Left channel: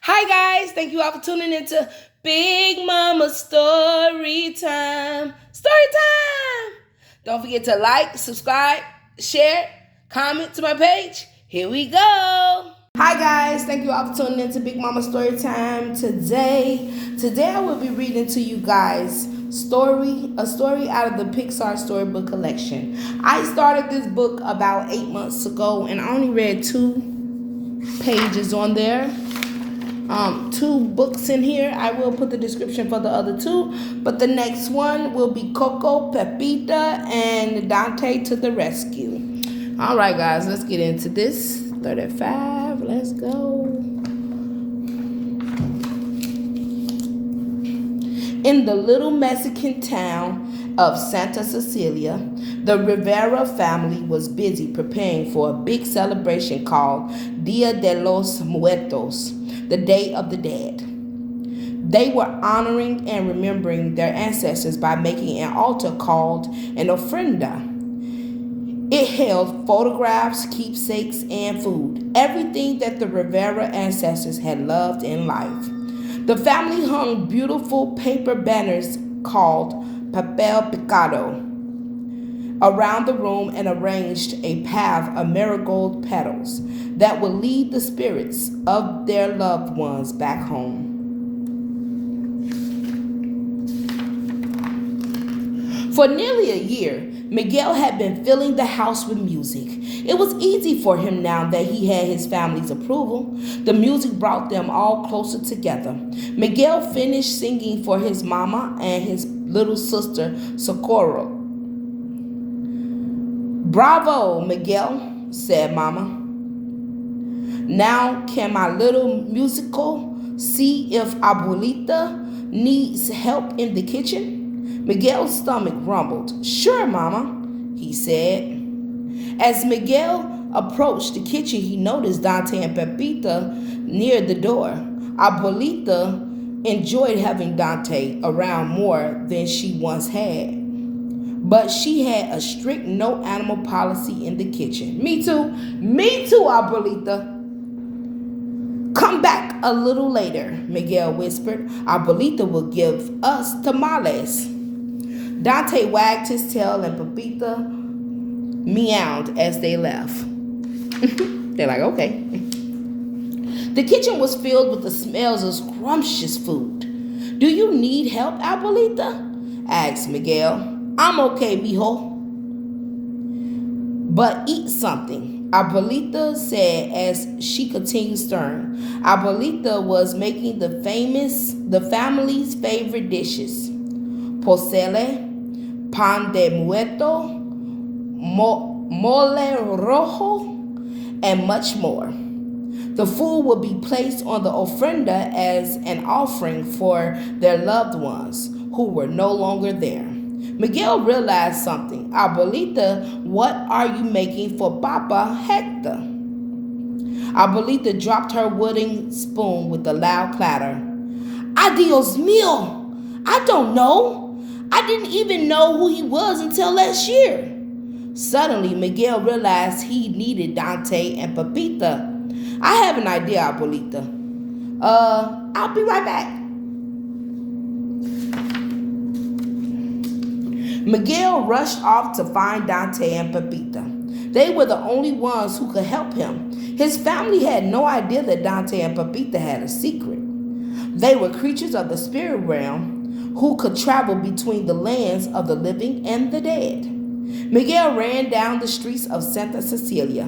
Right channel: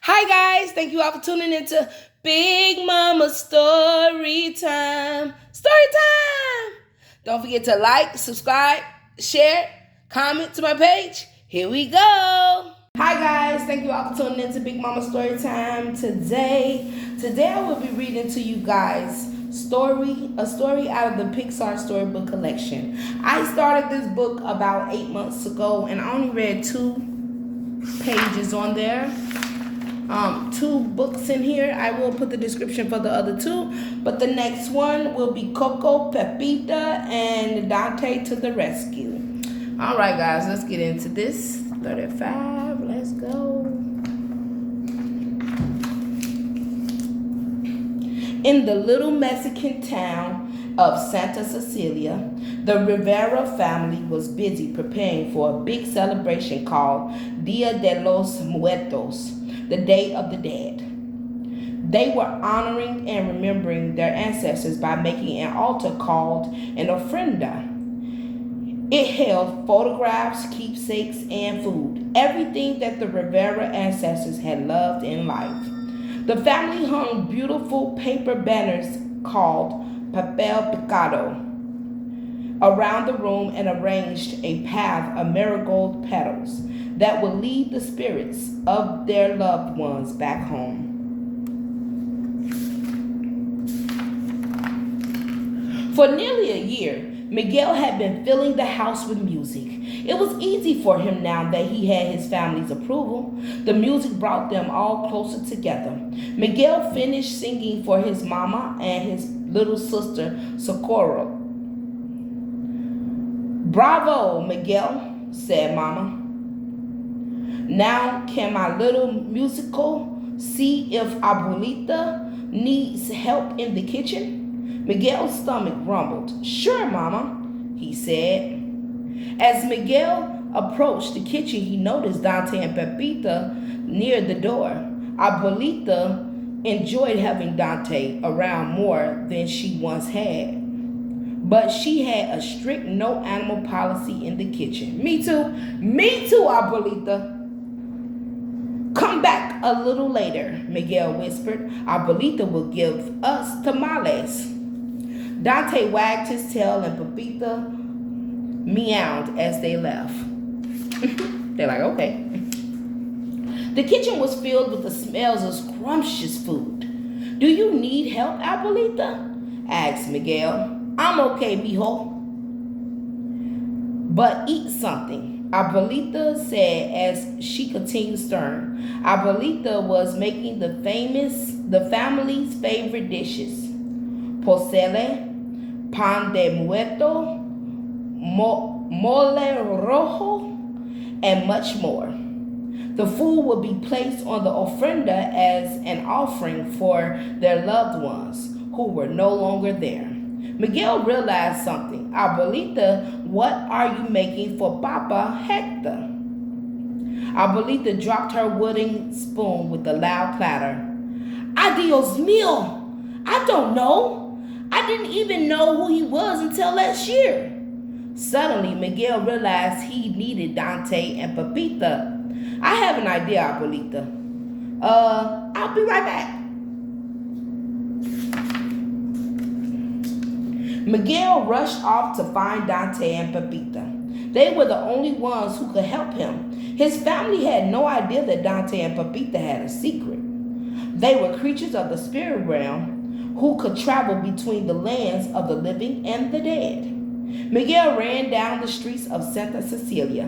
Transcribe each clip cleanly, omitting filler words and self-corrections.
Hi guys, thank you all for tuning into Big Mama Story Time. Story time! Don't forget to like, subscribe, share, comment to my page. Here we go. Hi guys, thank you all for tuning into Big Mama Story Time Today I will be reading to you guys a story out of the Pixar storybook collection. I started this book about 8 months ago and I only read 2 pages on there. 2 books in here. I will put the description for the other 2, but the next one will be Coco, Pepita, and Dante to the rescue. All right, guys, let's get into this. 35, let's go. In the little Mexican town of Santa Cecilia, the Rivera family was busy preparing for a big celebration called Dia de los Muertos, the Day of the Dead. They were honoring and remembering their ancestors by making an altar called an ofrenda. It held photographs, keepsakes, and food, everything that the Rivera ancestors had loved in life. The family hung beautiful paper banners called papel picado around the room and arranged a path of marigold petals that would lead the spirits of their loved ones back home. For nearly a year, Miguel had been filling the house with music. It was easy for him now that he had his family's approval. The music brought them all closer together. Miguel finished singing for his mama and his little sister, Socorro. "Bravo, Miguel," said Mama. "Now can my little musical see if Abuelita needs help in the kitchen?" Miguel's stomach rumbled. "Sure, Mama," he said. As Miguel approached the kitchen, he noticed Dante and Pepita near the door. Abuelita enjoyed having Dante around more than she once had. But she had a strict no animal policy in the kitchen. Me too, Abuelita. "Come back a little later," Miguel whispered. "Abuelita will give us tamales." Dante wagged his tail and Pepita meowed as they left. They're like, okay. The kitchen was filled with the smells of scrumptious food. "Do you need help, Abuelita?" asked Miguel. "I'm okay, mijo. But eat something," Abuelita said as she continued stirring. Abuelita was making the family's favorite dishes: pozole, pan de muerto, mole rojo, and much more. The food would be placed on the ofrenda as an offering for their loved ones who were no longer there. Miguel realized something. "Abuelita, what are you making for Papa Hector?" Abuelita dropped her wooden spoon with a loud clatter. "Adios mío! I don't know. I didn't even know who he was until last year." Suddenly, Miguel realized he needed Dante and Pepita. "I have an idea, Abuelita. I'll be right back." Miguel rushed off to find Dante and Pepita. They were the only ones who could help him. His family had no idea that Dante and Pepita had a secret. They were creatures of the spirit realm who could travel between the lands of the living and the dead. Miguel ran down the streets of Santa Cecilia.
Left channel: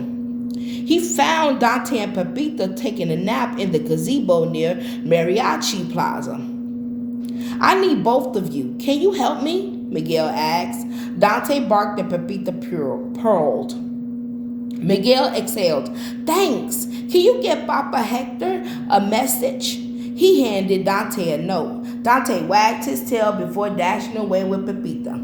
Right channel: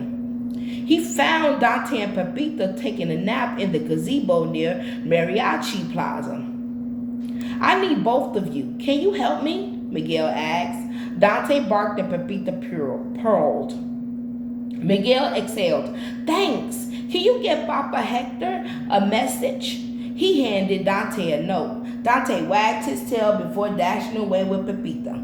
He found Dante and Pepita taking a nap in the gazebo near Mariachi Plaza. "I need both of you. Can you help me?" Miguel asked. Dante barked and Pepita purled. Miguel exhaled. "Thanks. Can you get Papa Hector a message?" He handed Dante a note. Dante wagged his tail before dashing away with Pepita.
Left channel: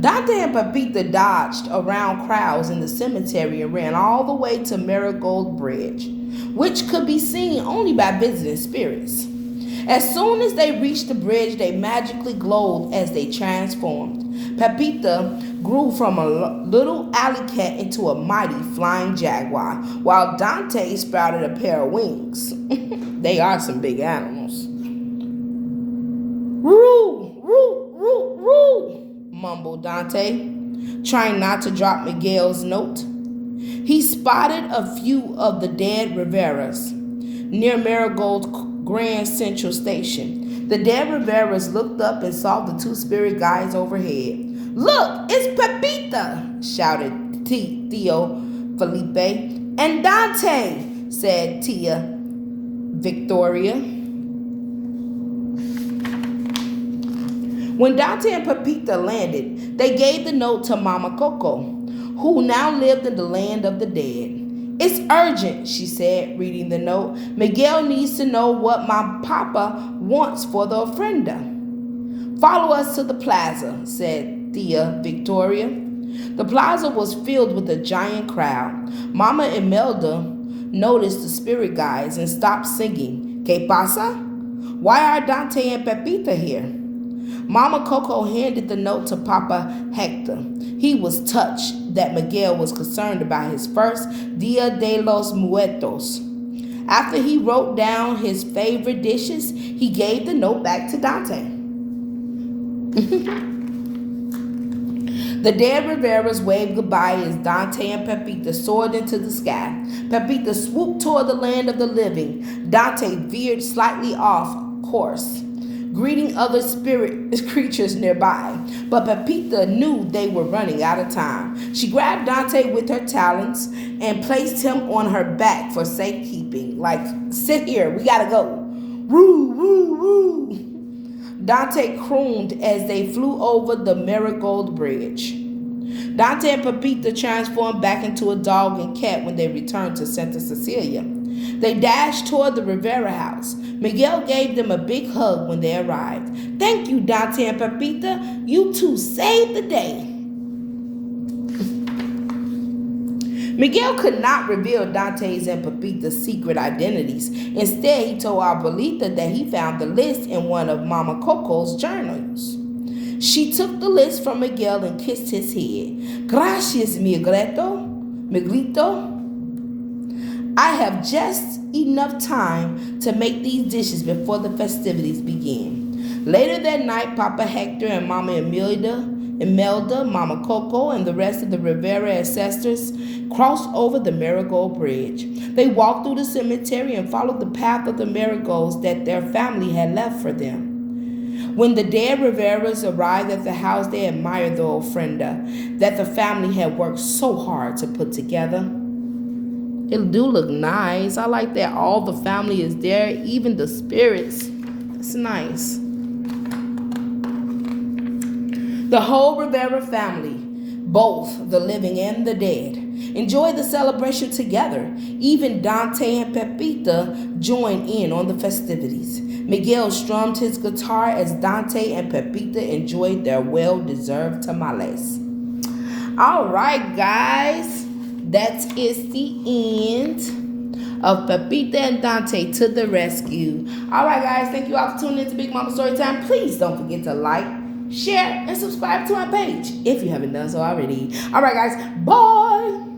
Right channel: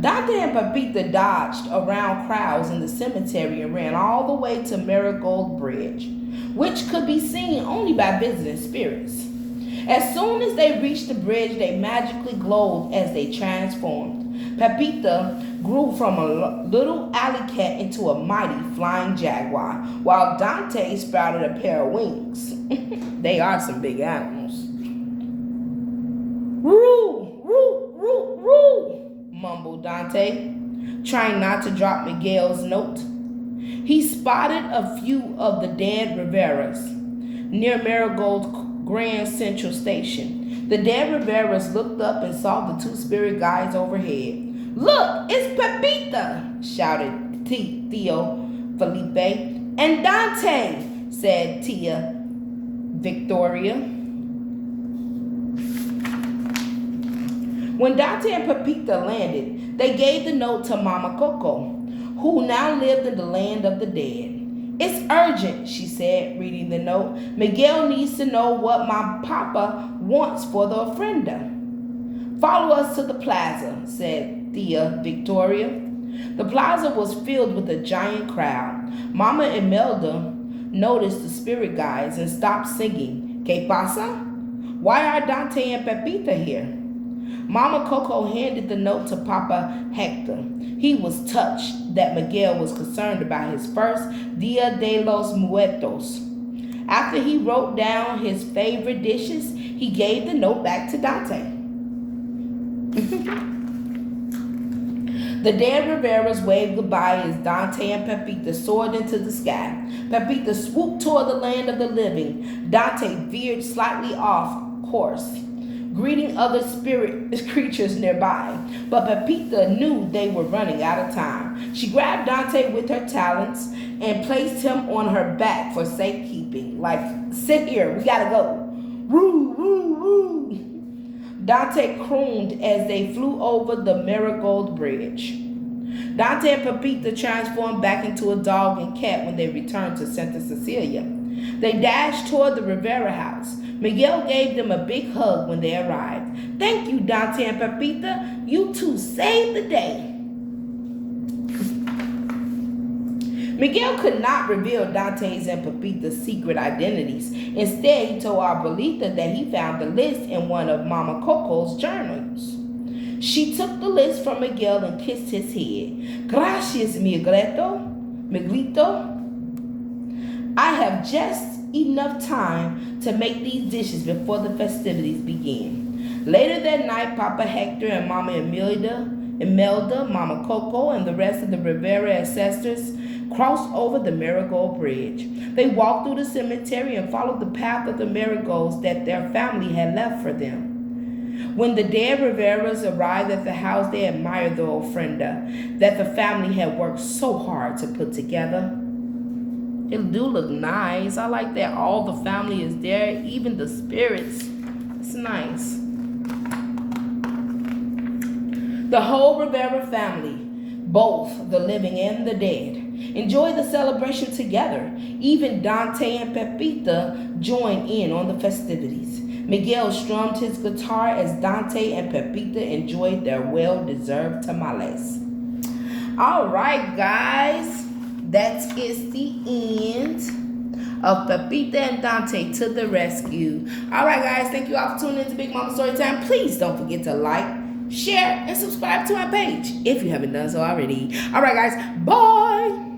Dante and Pepita dodged around crowds in the cemetery and ran all the way to Marigold Bridge, which could be seen only by visiting spirits. As soon as they reached the bridge, they magically glowed as they transformed. Pepita grew from a little alley cat into a mighty flying jaguar, while Dante sprouted a pair of wings. They are some big animals. Roo, roo, roo, roo, mumbled Dante, trying not to drop Miguel's note. He spotted a few of the dead Riveras near Marigold's Grand Central Station. The dead Riveras looked up and saw the two spirit guides overhead. "Look, it's Pepita!" shouted Theo Felipe. "And Dante," said Tia Victoria. When Dante and Pepita landed, they gave the note to Mama Coco, who now lived in the land of the dead. "It's urgent," she said, reading the note. "Miguel needs to know what my papa wants for the ofrenda." "Follow us to the plaza," said Tia Victoria. The plaza was filled with a giant crowd. Mama Imelda noticed the spirit guides and stopped singing. "Que pasa? Why are Dante and Pepita here?" Mama Coco handed the note to Papa Hector. He was touched that Miguel was concerned about his first Dia de los Muertos. After he wrote down his favorite dishes, he gave the note back to Dante. The dead Riveras waved goodbye as Dante and Pepita soared into the sky. Pepita swooped toward the land of the living. Dante veered slightly off course, greeting other spirit creatures nearby. But Pepita knew they were running out of time. She grabbed Dante with her talons and placed him on her back for safekeeping. Like, "Sit here, we gotta go." "Woo, woo, woo." Dante crooned as they flew over the Marigold Bridge. Dante and Pepita transformed back into a dog and cat when they returned to Santa Cecilia. They dashed toward the Rivera house. Miguel gave them a big hug when they arrived. "Thank you, Dante and Pepita. You two saved the day." Miguel could not reveal Dante's and Pepita's secret identities. Instead, he told Abuelita that he found the list in one of Mama Coco's journals. She took the list from Miguel and kissed his head. "Gracias, Miguelito. I have just enough time to make these dishes before the festivities begin." Later that night, Papa Hector and Mama Imelda, Mama Coco, and the rest of the Rivera ancestors crossed over the Marigold Bridge. They walked through the cemetery and followed the path of the marigolds that their family had left for them. When the dead Riveras arrived at the house, they admired the ofrenda that the family had worked so hard to put together. It do look nice. I like that all the family is there, even the spirits. It's nice. The whole Rivera family, both the living and the dead, enjoyed the celebration together. Even Dante and Pepita joined in on the festivities. Miguel strummed his guitar as Dante and Pepita enjoyed their well-deserved tamales. All right, guys. That is the end of Pepita and Dante to the rescue. All right, guys. Thank you all for tuning in to Big Mama Storytime. Please don't forget to like, share, and subscribe to my page if you haven't done so already. All right, guys. Bye.